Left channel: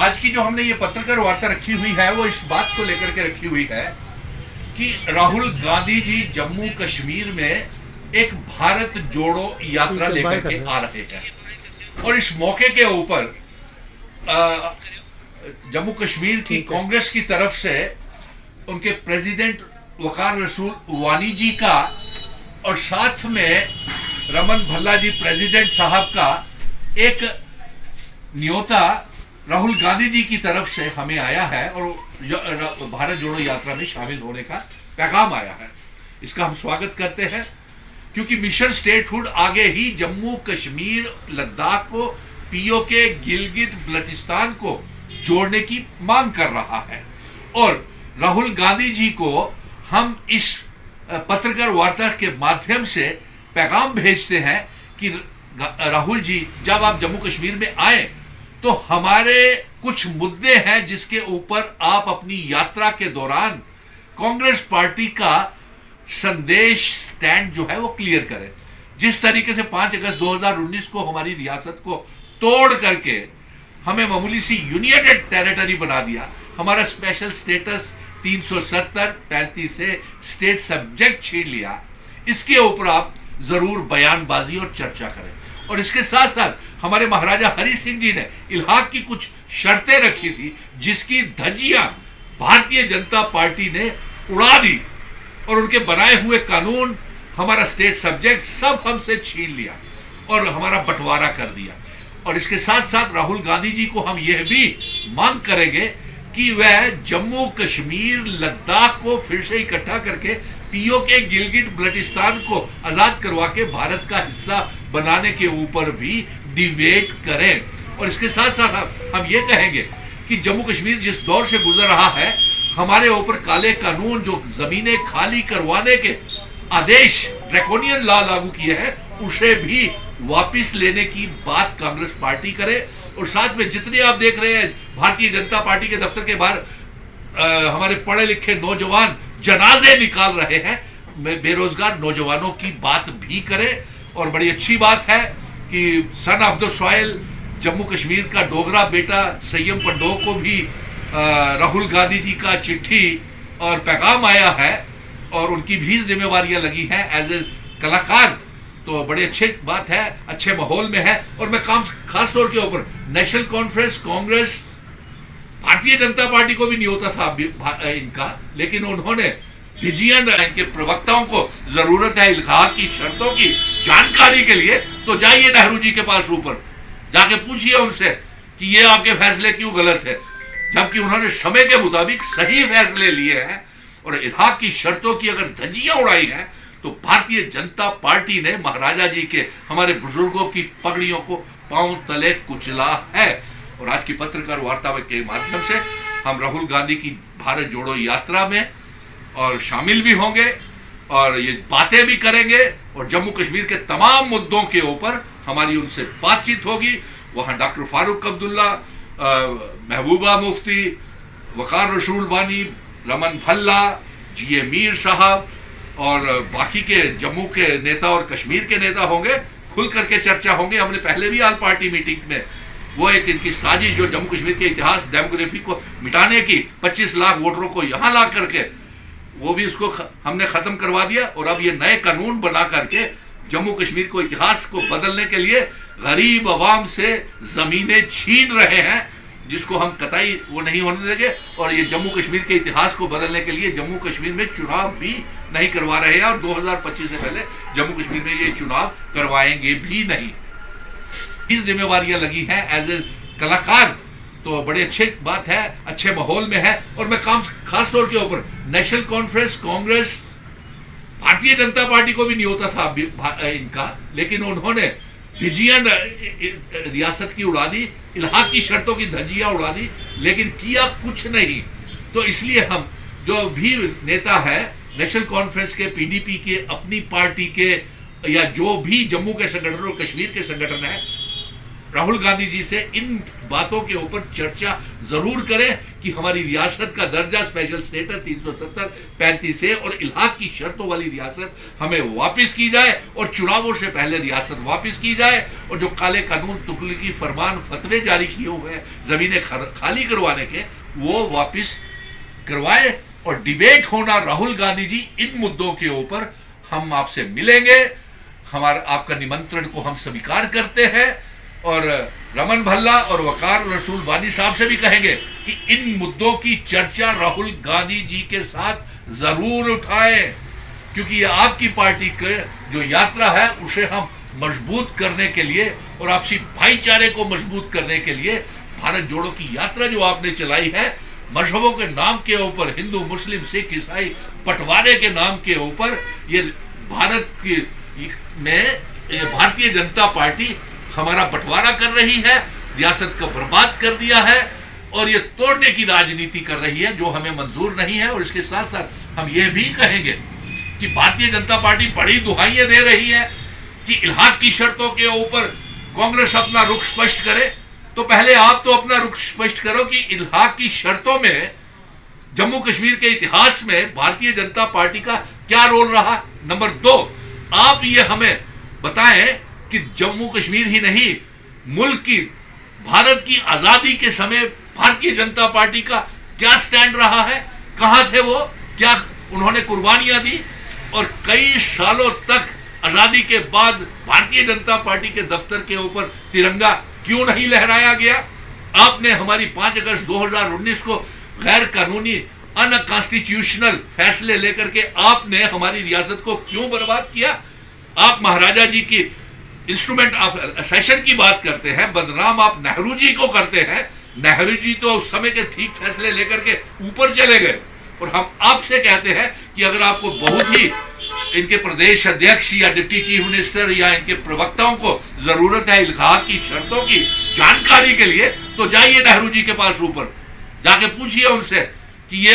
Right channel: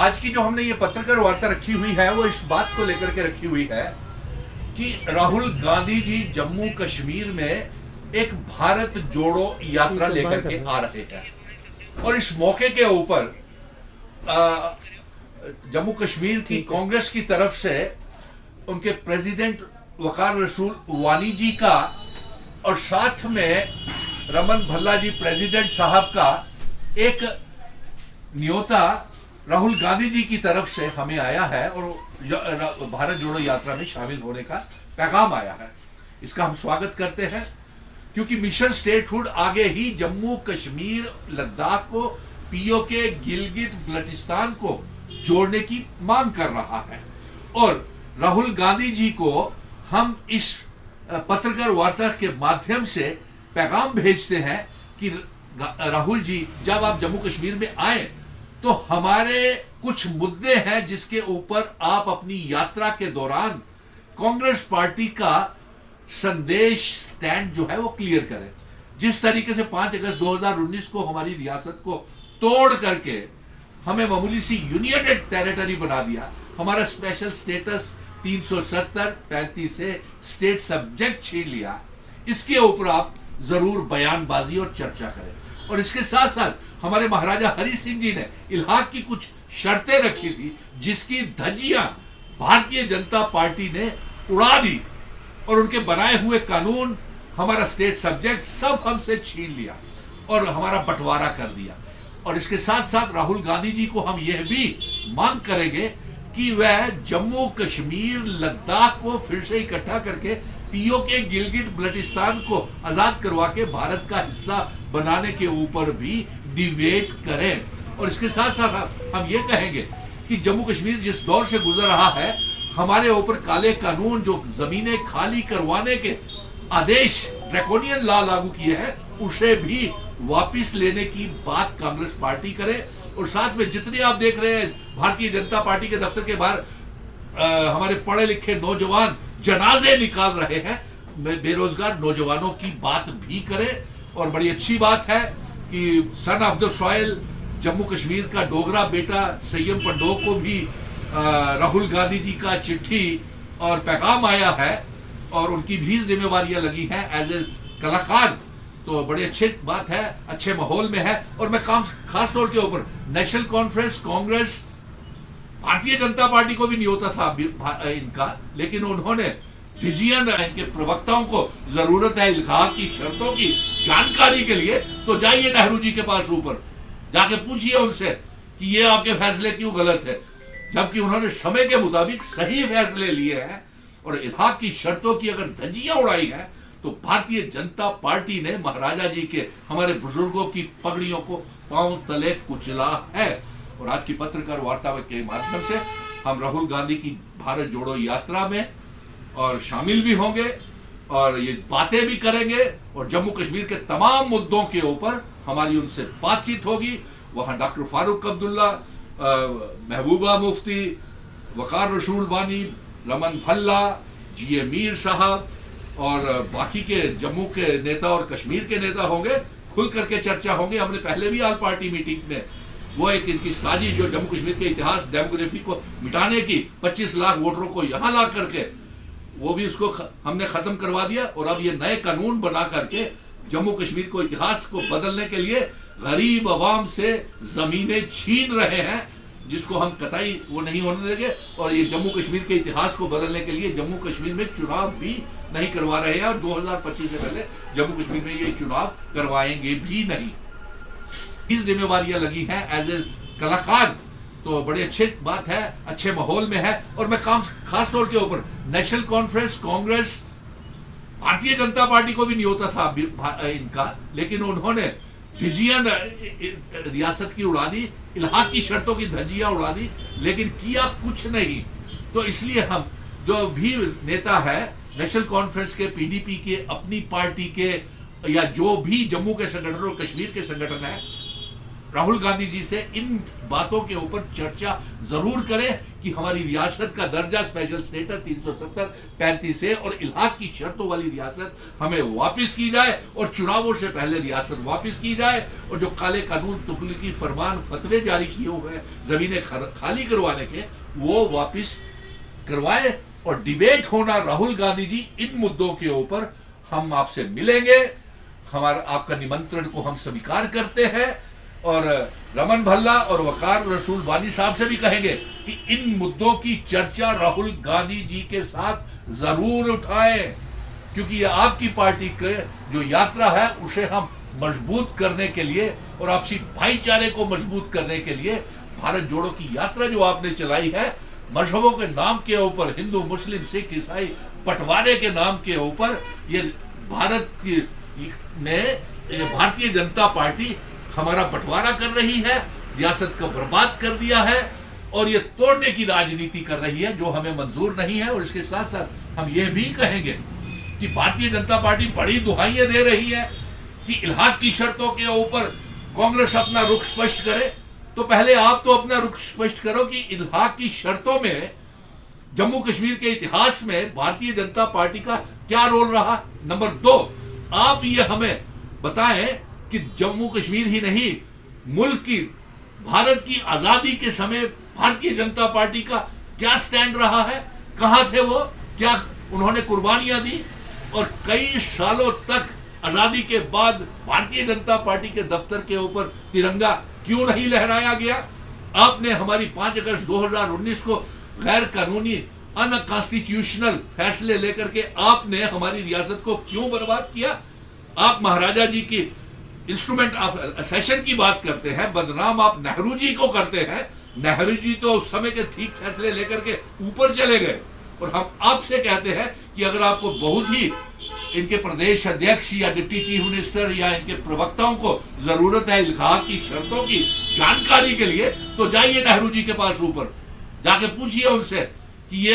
आज की जो हमने ये पत्रकार वार्ता रखी हुई है वो इस बात को लेकर के रखी हुई है कि राहुल गांधी जी जम्मू कश्मीर में एक भारत जोड़ो यात्रा लेकर के आ रहे हैं और इस मौके के ऊपर जम्मू कश्मीर की कांग्रेस की तरफ से उनके प्रेसिडेंट वकार रसूल वानी जी का और साथ में रमन भल्ला जी प्रेसिडेंट साहब का एक न्योता राहुल गांधी जी की तरफ से हमें आया है और भारत जोड़ो यात्रा में शामिल होने का पैगाम आया है। इसका हम स्वागत करते हैं क्योंकि मिशन स्टेटहुड आगे ही जम्मू कश्मीर लद्दाख को पीओके गिलगित बल्टिस्तान को जोड़ने की मांग कर रहा है और राहुल गांधी जी को हम इस पत्रकार वार्ता के माध्यम से पैगाम भेजते हैं कि राहुल जी जब आप जम्मू कश्मीर में आए तो हमारे कुछ मुद्दे हैं जिसके ऊपर आप अपनी यात्रा के दौरान कांग्रेस पार्टी का संदेश स्टैंड जो है वो क्लियर करें। जिस तरीके से 5 अगस्त 2019 को हमारी रियासत को तोड़ करके हमें मामूली सी यूनियन टेरिटरी बना दिया, हमारा स्पेशल स्टेटस 370-35 से स्टेट सब्जेक्ट छीन लिया, इसके ऊपर आप जरूर बयानबाजी और चर्चा करें। और इसके साथ साथ हमारे महाराजा हरि सिंह जी ने इलाहाक की कुछ शर्तें रखी थी जिसकी धज्जियां भारतीय जनता पार्टी ने उड़ा दी और उनके बनाए हुए कानून, हमारा स्टेट सब्जेक्ट सब हमसे छीन लिया और हमारा बंटवारा कर दिया। और इसके साथ साथ राहुल गांधी जी को हम यह भी मांग करेंगे कि वह जम्मू कश्मीर लद्दाख को फिर से इकट्ठा करके पीओके गिलगित बल्टिस्तान को आजाद करवा के भारत का हिस्सा बनाने के ऊपर भी डिबेट करें। और इसके साथ साथ हम ये कहेंगे कि जम्मू कश्मीर जिस दौर से गुजर रहा है, हमारे ऊपर काले कानून जो जमीनें खाली करवाने के आदेश ड्रैकोनियन लॉ लागू किए हैं, उसे भी वापिस लेने की बात कांग्रेस पार्टी करे। और साथ में जितने आप देख रहे हैं भारतीय जनता पार्टी के दफ्तर के बाहर हमारे पढ़े लिखे नौजवान जनाजे निकाल रहे हैं, बेरोजगार नौजवानों की बात भी करें। और बड़ी अच्छी बात है कि son of the soil Jammu Kashmir का डोगरा बेटा सय्यम पंडो को भी राहुल गांधी जी का चिट्ठी और पैगाम आया है और उनकी भी जिम्मेवारियां लगी हैं एज ए कलाकार। तो बड़ी अच्छी बात है, अच्छे माहौल में है। और मैं खास तौर के ऊपर national conference Congress Bharatiya Janata party को भी न्योता था इनका, लेकिन उन्होंने फिजियन इनके प्रवक्ताओं को जरूरत है इलाहाक की शर्तों की जानकारी के लिए, तो जाइए नेहरू जी के पास ऊपर जाके पूछिए उनसे कि ये आपके फैसले क्यों गलत है, जबकि उन्होंने समय के मुताबिक सही फैसले लिए हैं। और इलाहाक की शर्तों की अगर धज्जियां उड़ाई हैं तो भारतीय जनता पार्टी ने महाराजा जी के, हमारे बुजुर्गों की पगड़ियों को पांव तले कुचला है। और आज की पत्रकार वार्ता के माध्यम से हम राहुल गांधी की भारत जोड़ो यात्रा में और शामिल भी होंगे और ये बातें भी करेंगे और जम्मू कश्मीर के तमाम मुद्दों के ऊपर हमारी उनसे बातचीत होगी। वहां डॉक्टर फारूक अब्दुल्ला, महबूबा मुफ्ती, वकार रसूल वानी, रमन भल्ला, जीए मीर साहब और बाकी के जम्मू के नेता और कश्मीर के नेता होंगे, खुल करके चर्चा होंगे। हमने पहले भी आल पार्टी मीटिंग में वो एक इनकी साजिश जो जम्मू कश्मीर के इतिहास डेमोग्राफी को मिटाने की 25 लाख वोटरों को यहां ला करके वो भी उसको हमने खत्म करवा दिया। और अब ये नए कानून बना करके जम्मू कश्मीर को इतिहास को बदलने के लिए गरीब अवाम से जमीनें छीन रहे हैं, जिसको हम कतई वो नहीं होने देंगे। और ये जम्मू कश्मीर के इतिहास को बदलने के लिए जम्मू कश्मीर में चुनाव भी नहीं करवा रहे हैं और 2025 से पहले जम्मू कश्मीर में ये चुनाव करवाएंगे भी नहीं। इस जिम्मेवारियां लगी हैं एज ए कलाकार। तो बड़ी अच्छी बात है, अच्छे माहौल में है। और मैं खास तौर के ऊपर national conference Congress Bharatiya Janata party को भी न्योता था इनका, लेकिन उन्होंने फिजियन रियासत की उड़ा दी, इलाहाक की शर्तों की धज्जियां उड़ा दी, लेकिन किया कुछ नहीं। तो इसलिए हम जो भी नेता है नेशनल कॉन्फ्रेंस के, पीडीपी के, अपनी पार्टी के या जो भी जम्मू के संगठन और कश्मीर के संगठन है, राहुल गांधी जी से इन बातों के ऊपर चर्चा जरूर करें कि हमारी रियासत का दर्जा स्पेशल स्टेटस 370 35 से और इलाहाक की शर्तों वाली रियासत हमें वापस की जाए और चुनावों से पहले रियासत वापस की जाए और जो काले कानून तुगलकी फरमान फतवे जारी किए हुए हैं जमीनें खाली करवाने के वो वापस करवाए और डिबेट होना राहुल गांधी जी इन मुद्दों के ऊपर हम आपसे मिलेंगे। हमारा आपका निमंत्रण को हम स्वीकार करते हैं और रमन भल्ला और वकार रसूल वानी साहब से भी कहेंगे कि इन मुद्दों की चर्चा राहुल गांधी जी के साथ जरूर उठाएं, क्योंकि ये आपकी पार्टी के जो यात्रा है उसे हम मजबूत करने के लिए और आपसी भाईचारे को मजबूत करने के लिए भारत जोड़ो की यात्रा जो आपने चलाई है मजहबों के नाम के ऊपर, हिंदू मुस्लिम सिख ईसाई बंटवारे के नाम के ऊपर, ये भारत की में भारतीय जनता पार्टी हमारा बंटवारा कर रही है, रियासत को बर्बाद कर दिया है और ये तोड़ने की राजनीति कर रही है जो हमें मंजूर नहीं है। और इसके साथ साथ हम ये भी कहेंगे कि भारतीय जनता पार्टी बड़ी दुहाइयां दे रही है कि इलाहाक की शर्तों के ऊपर कांग्रेस अपना रुख स्पष्ट करे। तो पहले आप तो अपना रुख स्पष्ट करो कि इलाहाक की शर्तों में जम्मू कश्मीर के इतिहास में भारतीय जनता पार्टी का क्या रोल रहा। नंबर 2, आप ये हमें बताएं कि जम्मू कश्मीर ही नहीं मुल्क की भारत की आजादी के समय भारतीय जनता पार्टी का क्या स्टैंड रहा है, कहां थे वो, क्या उन्होंने कुर्बानियां दी और कई सालों तक आजादी के बाद भारतीय जनता पार्टी के दफ्तर के ऊपर तिरंगा क्यों नहीं लहराया गया। आपने हमारी 5 अगस्त 2019 को गैर कानूनी अनकॉन्स्टिट्यूशनल फैसले लेकर के आपने हमारी रियासत को क्यों बर्बाद किया। आप महाराजा जी की इंस्ट्रूमेंट ऑफ सेशन की बात करते हैं, बदनाम आप नेहरू जी को करते हैं। नेहरू जी तो उस समय के ठीक फैसले लेकर के ऊपर चले गए और हम आपसे कहते हैं कि अगर आपको बहुत ही इनके प्रदेश अध्यक्ष या डिप्टी चीफ मिनिस्टर या इनके प्रवक्ताओं को जरूरत है इलाहाक की शर्तों की जानकारी के लिए, तो जाइए नेहरू जी के पास ऊपर जाके पूछिए उनसे कि ये